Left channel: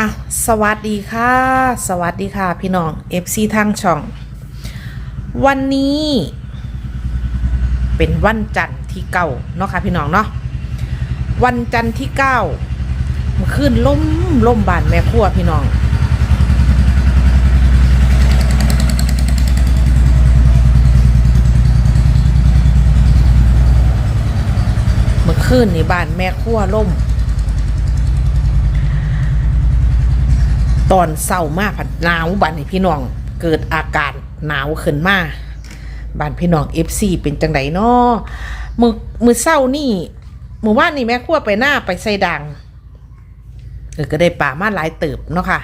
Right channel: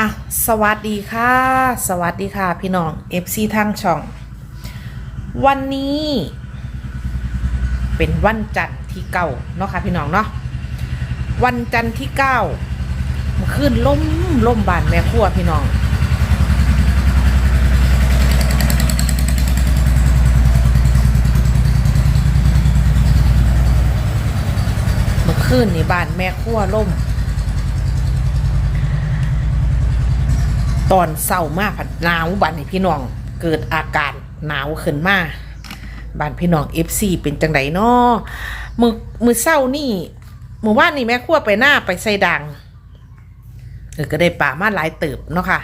อะสวัสดีค่ะ สวัสดีค่ะ พี่น้อง FC ทางช่อง วันนี้ เป็นวันจันทร์ที่เก้าเนาะค่ะพี่น้องเนาะวันจันทร์ที่เก้าเมื่อคืนล่มล่มบานแม่ครัวพี่น้องเมื่อคืนนี่บ้านแม่ครัวล่ม ตอนเศร้ามากหนาวบ้านพี่น้องเกิดอาการหนาวขึ้นมาบ้านพี่น้องเอฟซีเป็นจังไดเนาะมือมือเศร้านี่มือว่านนี่แม่ครัวไปหน้าไปใส่ดังเออก็ได้ป่ามาหลายเติบเนาะค่ะ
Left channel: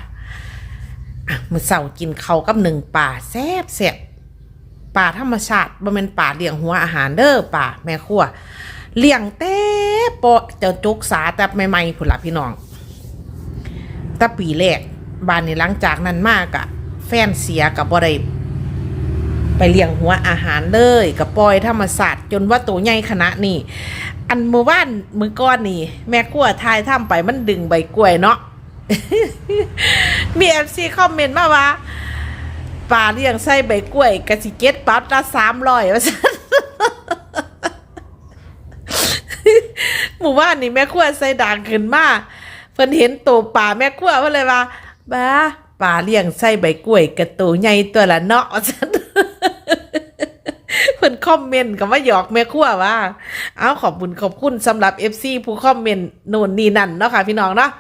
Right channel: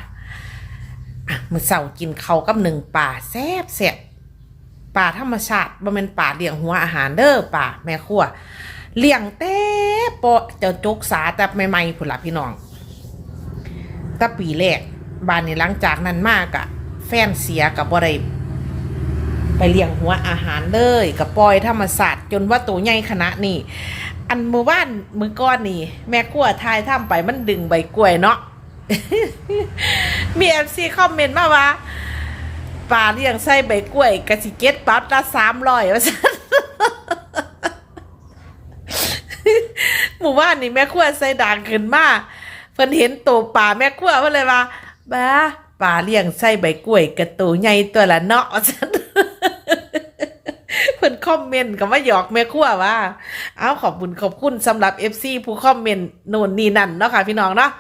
อะมือเศร้ากินเขากับหนึ่งป่าแซ่บแซ่บป่าธรรมชาติบ่เป็นป่าเลี้ยงหัวอาหารเด้อป่าแม่ครัวเลี้ยงเต้ปะเจ้าจกสาแต่ใหม่ๆผุนละพี่น้องแต่ปีแรก บ้านนี้หลังจากนั้นมากอะแฟนเสียกับบ่ได้ไปเลี้ยงหัวอาหารเลยกับปล่อยธรรมศาสตร์จนว่าตัวใหญ่ขนาดนี้อันมือว่านมือก้อนนี่ แม่กลัวทายทำไปมันดึงใบกล้วยเนาะมีเอฟซีคอมเมนต์มาว่าป่าเลี้ยงไส้ใบกล้วยกะสิเก็ตปั๊บละสามร้อยว่าซั่นหมู่บ้านนี่แม่ขั้วใส่ด่างขึ้นมาเพิ่นเห็นตัวป่าแม่ขั้วเพิ่นเลยว่า บ้าป่าเลี้ยงใส่ใบกล้วยกระตัวใหญ่ตัวละเนาะฉันเพิ่นคอมเมนต์กับว่าหยอกแม่ขั้วว่า เอาขอบคุณขอบคุณสำหรับ FC ผู้คอมเมนต์โน่นนี่นั่นเนาะค่ะพี่น้องเนาะ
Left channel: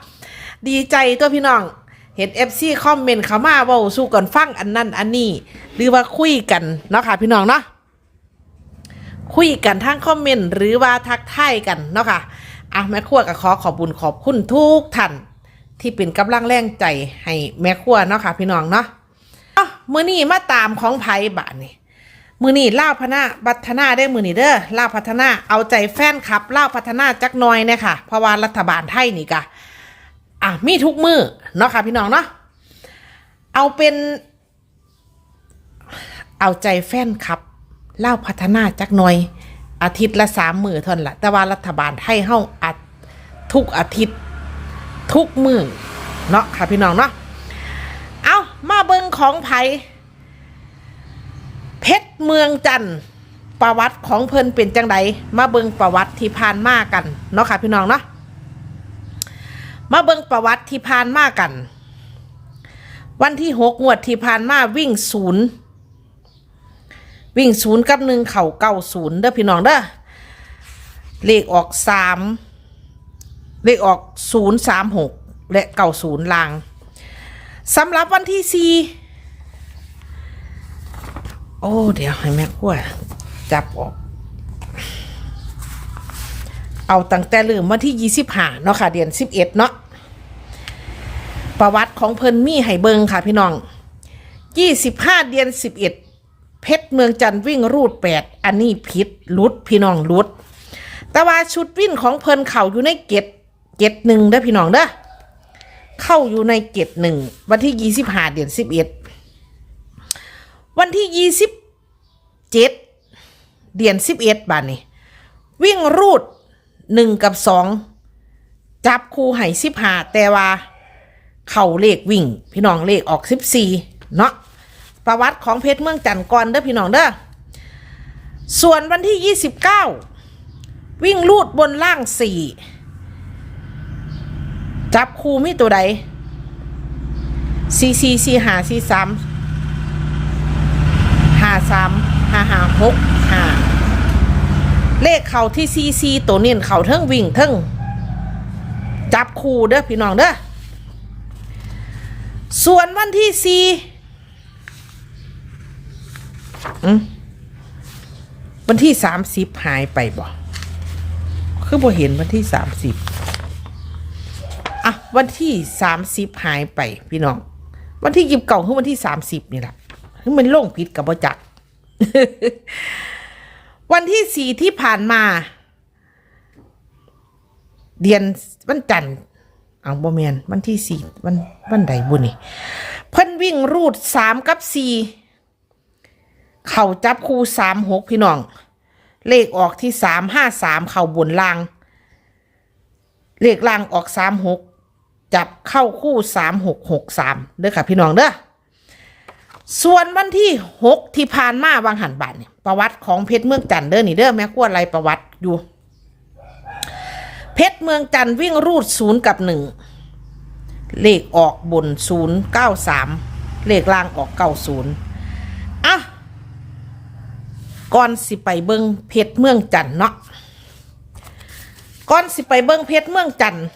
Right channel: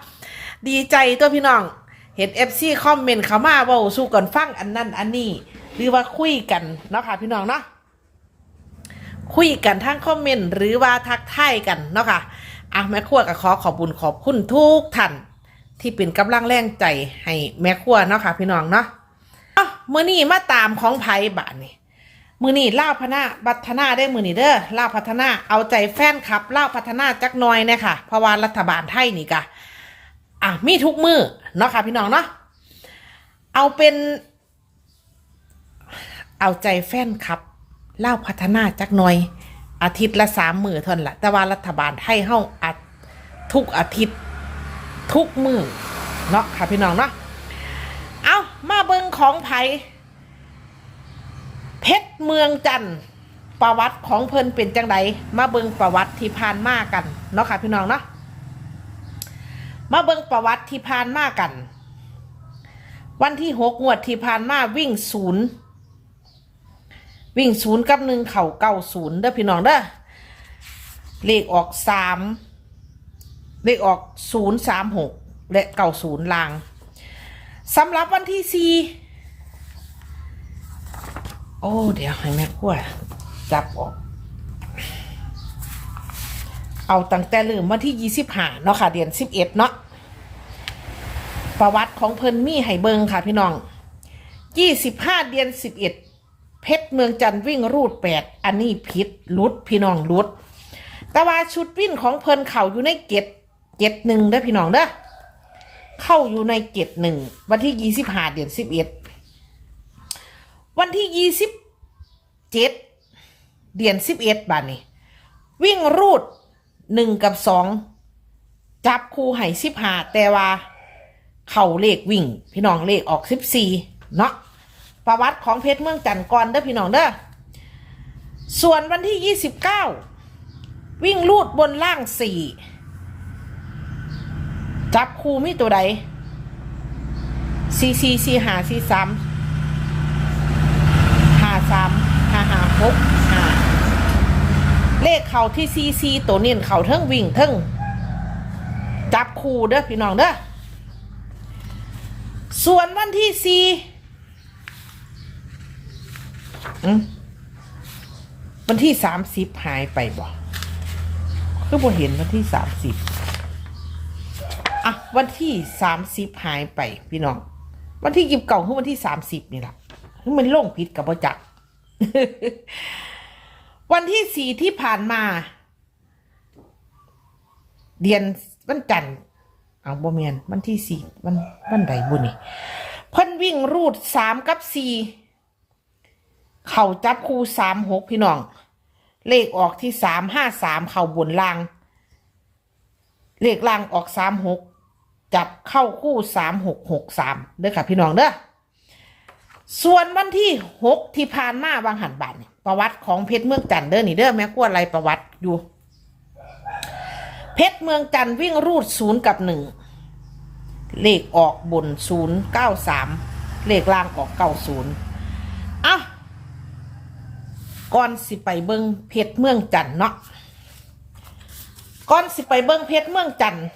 ดีใจตัวพี่น้อง เห็น FC คอมเมนต์เขามาเว้าสู้กันฟังอันนั้นอันนี้ หรือว่าคุยกันเนาะค่ะพี่น้องเนาะคุยกันทางคอมเมนต์หรือว่าทักทายกันเนาะค่ะอะแม่ครัวก็ขอขอบบุญขอบคุณทุกท่าน ที่เป็นกำลังแรงใจให้แม่ครัวเนาะค่ะ พี่น้องเนาะอะมื้อนี้มาตามของไผบาทนี่มื้อนี้ล่าพนาบัฒนาได้มื้อนี้เด้อล่าพัฒนาเอาใจแฟนคลับล่าพัฒนาจักน่อยเนี่ยค่ะเพราะว่ารัฐบาลไทยนี่กะอะมีทุกมือเนาะค่ะ พี่น้องเนาะเอาเป็น เอาใจแฟนคลับเล่าพัฒนาจักน่อย อาทิตย์ละสามมือเท่านั้นละแต่ว่ารัฐบาลไทยเฮาอัดทุกอาทิตย์ ทุกมือเนาะค่ะพี่น้องเนาะเอามาเบิงของไผเพชรเมืองจันทร์ประวัติของเพิ่นเป็นจังไดมาเบิงประวัติที่ผ่านมากันเนาะค่ะพี่น้องเนาะมาเบิงประวัติที่ผ่านมากัน วันที่หกงวดที่ผ่านมาวิ่งศูนย์วิ่งศูนย์กับหนึ่งเข่าเก้าศูนย์เด้อพี่น้องเด้อเลขออกสาม เลขออกศูนย์สามหกและเก้าศูนย์ลางสำหรับวันที่สี่โอ้ เดี๋ยวให้แม่ขั้วจับออก เอาตั้งแต่ลืมวันที่ยี่สิบห้าเนาะค่ะ เดือนสิบเอ็ดเนาะประวัติของเพิ่นมีให้เบิงค่ะพี่น้องยี่สิบห้าเดือนสิบเอ็ดเพชรเมืองจันทร์วิ่งรูดแปดอันนี้ผิดลุดพี่น้องลุด แต่ว่าชุดวิ่งของเพิ่นเข่าอยู่ในเกต เกตหนึ่งเด้อพี่น้องเด้อเข้าอยู่ในเกตหนึ่งวันที่ยี่สิบห้าเดือนสิบเอ็ดวันที่ยี่สิบเจ็ดเดือนสิบเอ็ดบาทนี่วิ่งรูดหนึ่งกับสองจับคู่ให้สิบห้าแต่ว่าเข่าเลขวิ่ง พี่น้องเลขออกสิบสี่เนาะประวัติของเพชรเมืองจันทร์ก่อนเด้อพี่น้องเด้อส่วนวันที่29วิ่งลูดบนล่าง4 จับคูมีตัวใด C C C หา C สามหาสามหาหาหกหาเลขเข่าที่ C C ตัวเนียนเข่าเทิงวิ่งเทิงจับคูเด้อพี่น้องเด้อส่วนวันที่4อืมวันที่สามสิบหายไปบ่คือบ่เห็นวันที่สามสิบ อะวันที่สามสิบหายไปพี่น้อง วันที่ยิบเก่าคือวันที่สามสิบนี่แหละคือมันล่งผิดกับบ่จัก วันที่สี่ที่ผ่านมา เดือนวันจันทร์เอาบ่แมนวันที่สี่วันวันใดบุญนี่เพิ่นวิ่งรูดสามกับสี่เข่าจับคู่สามหกพี่น้อง เลขออกที่สามห้าสามเข่าบนล่าง เลขล่างออกสามหก จับเข้าคู่สามหกหกสามเด้อค่ะพี่น้องเด้อส่วนวันที่หกที่ผ่านมาวางหันบาทเนี่ยประวัติของเพชรเมืองจันเด้อนี่เด้อแม่กวนไรประวัติอยู่ เพชรเมืองจันวิ่งรูดศูนย์กับหนึ่งเลขออกบนศูนย์เก้าสามเลขล่างออกเก้าศูนย์อะก่อนสิไปเบิงเพชรเมืองจันเนาะก่อนสิไปเบิงเพชรเมืองจันทร์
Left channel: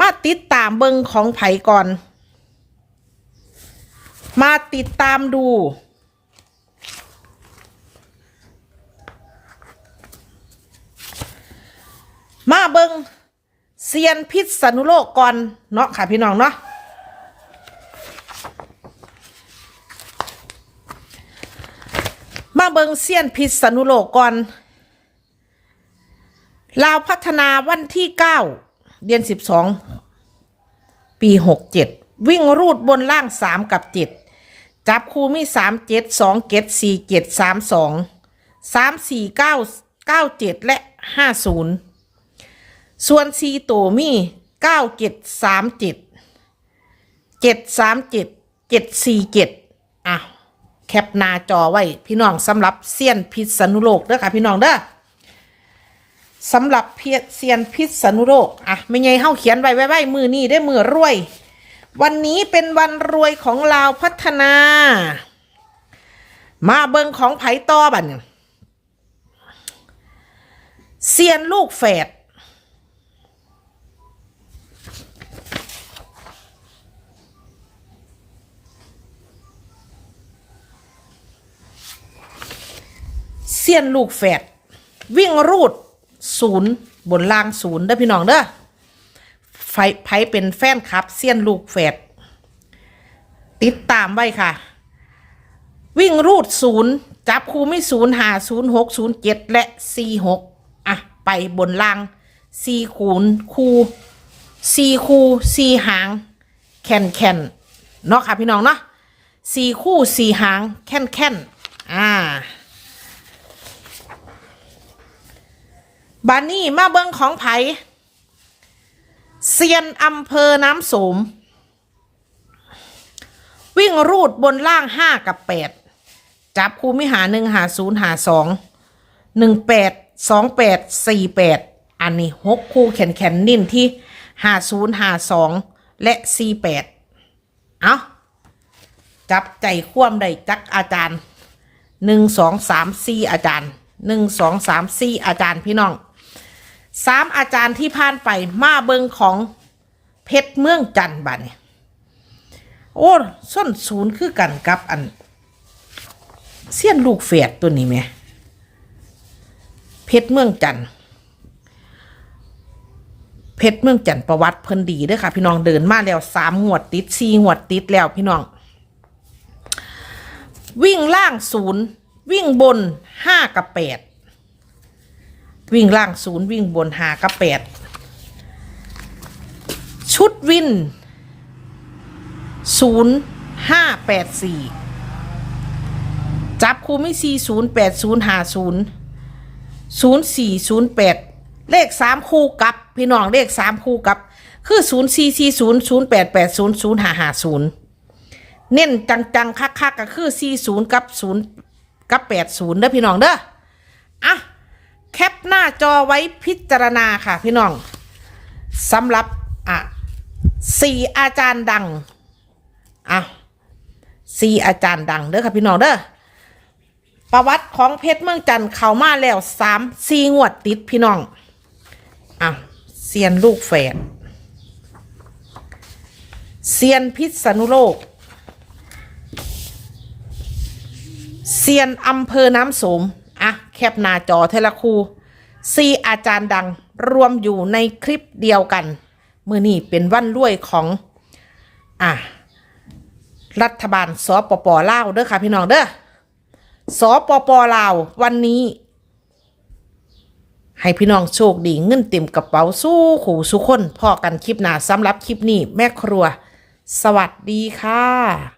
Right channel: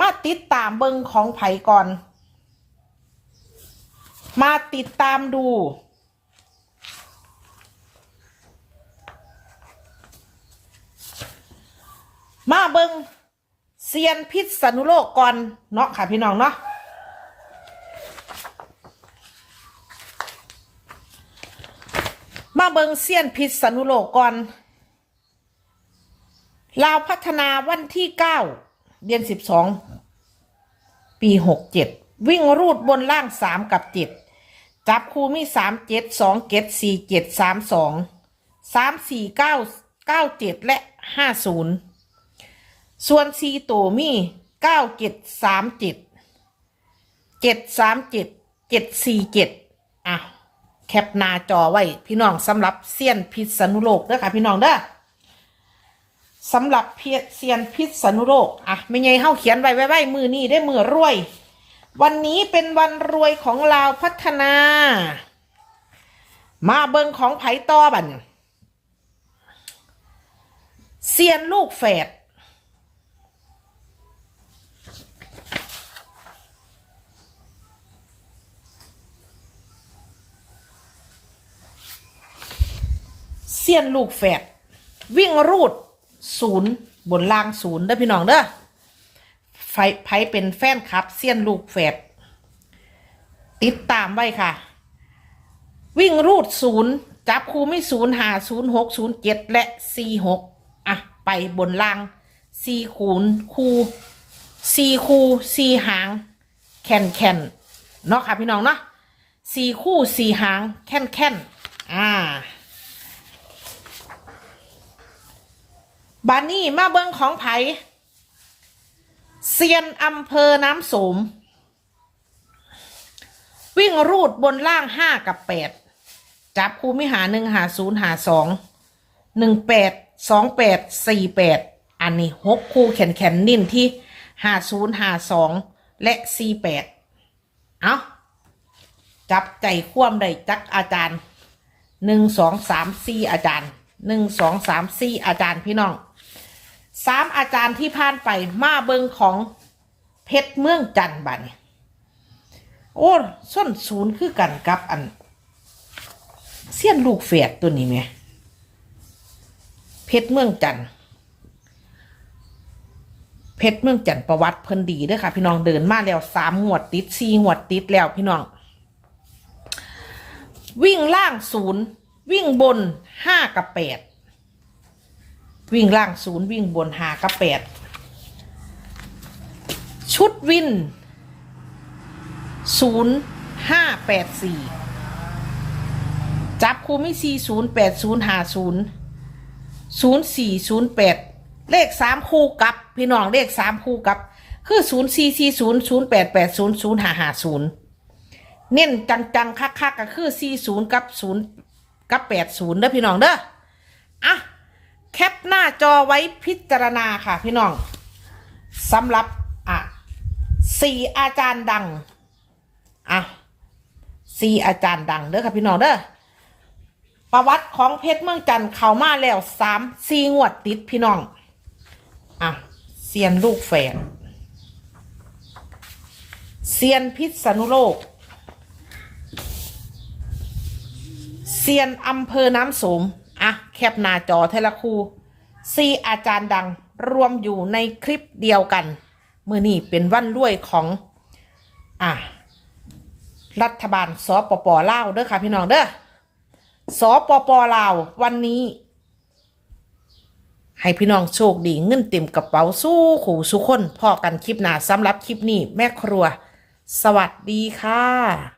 มาติดตามเบิงของไผก่อน มาติดตามดู มาเบิงเซียนพิษสนุโลกก่อนเนาะค่ะพี่น้องเนาะมาเบิงเซียนพิษสนุโลกก่อนลาวพัฒนาวันที่เก้า เดือนสิบสองปีหกเจ็ดวิ่งรูดบนล่างสามกับเจ็ดจับคู่มีสามเจ็ดสองเจ็ดสี่เจ็ดสามสองสามสี่เก้าเก้าเจ็ดและห้าศูนย์ส่วนซีโตมีเก้าเจ็ดสามเจ็ดเจ็ดสามเจ็ดเจ็ดสี่เจ็ดอะแคปหน้าจอไว้พี่น้องสำหรับเซียนพิษณุโลกเด้อค่ะพี่น้องเด้อ สำหรับเพียเซียนพิษณุโลกอะไม่ไงเฮาเขียนไว้ไว้ไว้มือนี้ได้มือรวย วันนี้เป็นวันรวยของลาวพัฒนา มาเบิงของไผ่ต่อบันเซียนลูกแฝดเสี้ยนลูกแฝดวิ่งรูด ศูนย์บนล่างศูนย์เด้อพี่น้องเด้อไฟไผเป็นแฟนคลับเสี้ยนลูกแฝดติดตามไว้ค่ะ วิ่งรูดศูนย์จับคูไม่ศูนย์หาศูนย์หกศูนย์เจ็ดและสี่หกอะ ไปบนล่างสี่คูณคูสี่คูสี่หาง แคนแคนเนาะค่ะพี่น้องเนาะสี่คู่สี่หาง แคนแคนอ่า บานนี่มาเบิ้งของไผเซียนอำเภอน้ำโสม วิ่งรูดบนล่างห้ากับแปดจับคูมิหาหนึ่งหาศูนย์หาสองหนึ่งแปดสองแปดสี่แปดอันนี้หกคู่แขนแขนนิ่มที่หาศูนย์หาสองและสี่แปดเอาจับใจคว่ำได้จักอาจารย์หนึ่งสองสามสี่อาจารย์หนึ่งสองสามสี่อาจารย์พี่น้อง สามอาจารย์ที่ผ่านไปมาเบิงของเพชรเมืองจันบันโอ้ส้นศูนย์คือกันกับอันเสี้ยนลูกเฟียดตัวนี้ไหมเพชรเมืองจันเพชรเมืองจันประวัติเพิ่นดีด้วยค่ะ พี่น้องเดินมาแล้วสามงวดติดสี่งวดติดแล้วพี่น้อง วิ่งล่างศูนย์วิ่งบนห้ากับแปด วิ่งล่างศูนย์วิ่งบนหากับแปดชุดวินศูนย์ห้าแปดสี่จับคูไม่สี่ศูนย์แปดศูนย์หาศูนย์ศูนย์สี่ศูนย์แปดเลขสามคู่กับ พี่น้องเลขสามคู่กับ คือศูนย์สี่สี่ศูนย์ศูนย์แปดแปดศูนย์ศูนย์หาหาศูนย์เน้นจังๆคักๆก็คือสี่ศูนย์กับศูนย์กับแปดศูนย์เด้อพี่น้องเด้ออะ แคปหน้าจอไว้พิจารณาค่ะพี่น้องสำหรับอะสี่อาจารย์ดังอะสี่อาจารย์ดังเด้อค่ะพี่น้องเด้อประวัติของเพชรเมืองจันทร์เขามาแล้วสามสี่งวดติดพี่น้องอะเซียนลูกแฝดเซียนพิษณุโลกเซียนอำเภอน้ำสม อะ แคปหน้าจอเทละคูซีอาจารย์ดังรวมอยู่ในคลิปเดียวกันเมื่อนี้เป็นวันรวยของอะรัฐบาลสปปลาวเด้อค่ะพี่น้องเด้อสปปลาววันนี้ ให้พี่น้องโชคดีเงินเต็มกระเป๋าสู้ขู่สุคนพอกันคลิปหน้าสำหรับคลิปนี้แม่ครัว สวัสดีค่ะ